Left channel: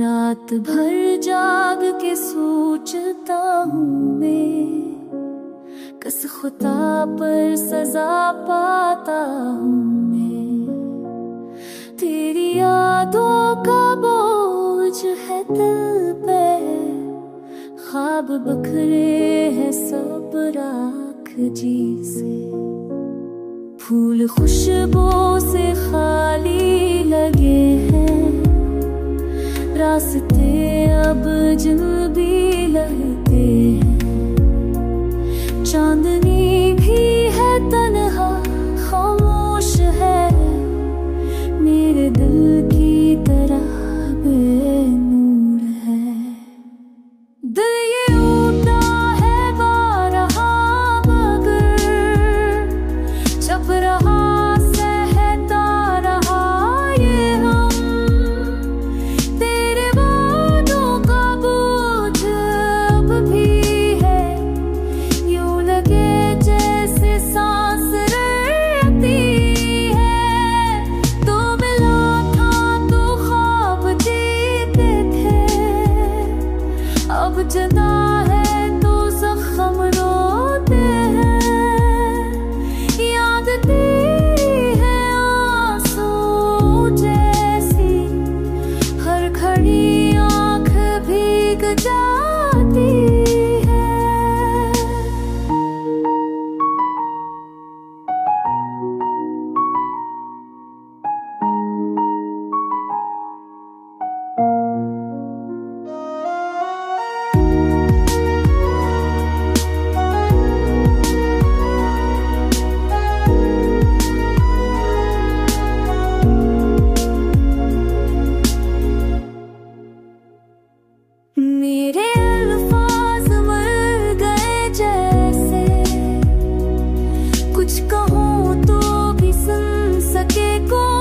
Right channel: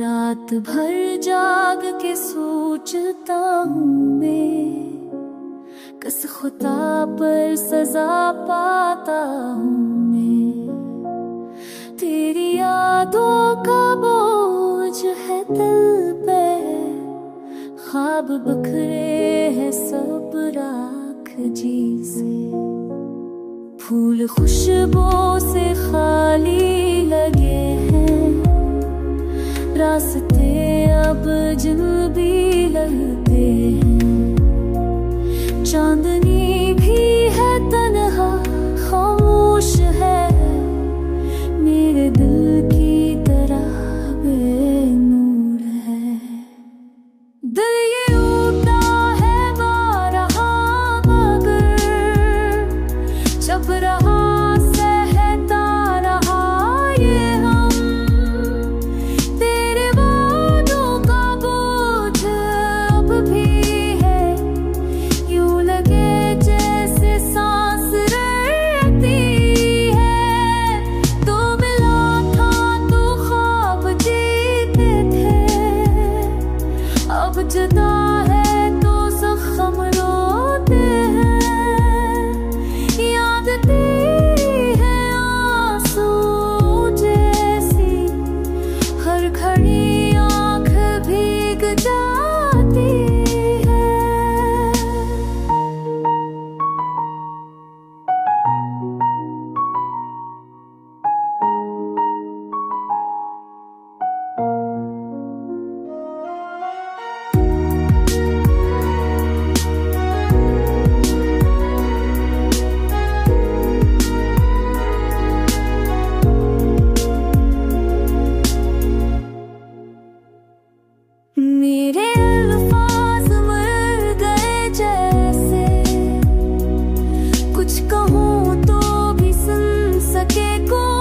रात भर जाग के सोचता हूँ मैं, किस खुदा पर सजा पाता हूँ मैं। तेरी यादों का बोझ है दिल पे, ख्वाब बिखरे हैं सब राख जी से। फूल खुशबू से खाली लगे हैं, रास्ते अब जिन भी लगते हैं। चांदनी भी है तन्हा खामोश है, मेरे दिल की तरह बेनूर है। दिल ये उठा है बारहा मगर चप रहा सहता रहा ये हम। तेरे वादों का बोझ अब भी है, यूं लगे जैसे सांस रहती है। तो मिला था तो ख्वाब जीते थे, अब जुदा है तो जख्म रोते हैं। याद तेरी है आंसू जैसी, हर घड़ी आँख भीग जाती है। मेरे अल्फाज मर गए जैसे, कुछ कहूँ तो भी सुन सके कोई।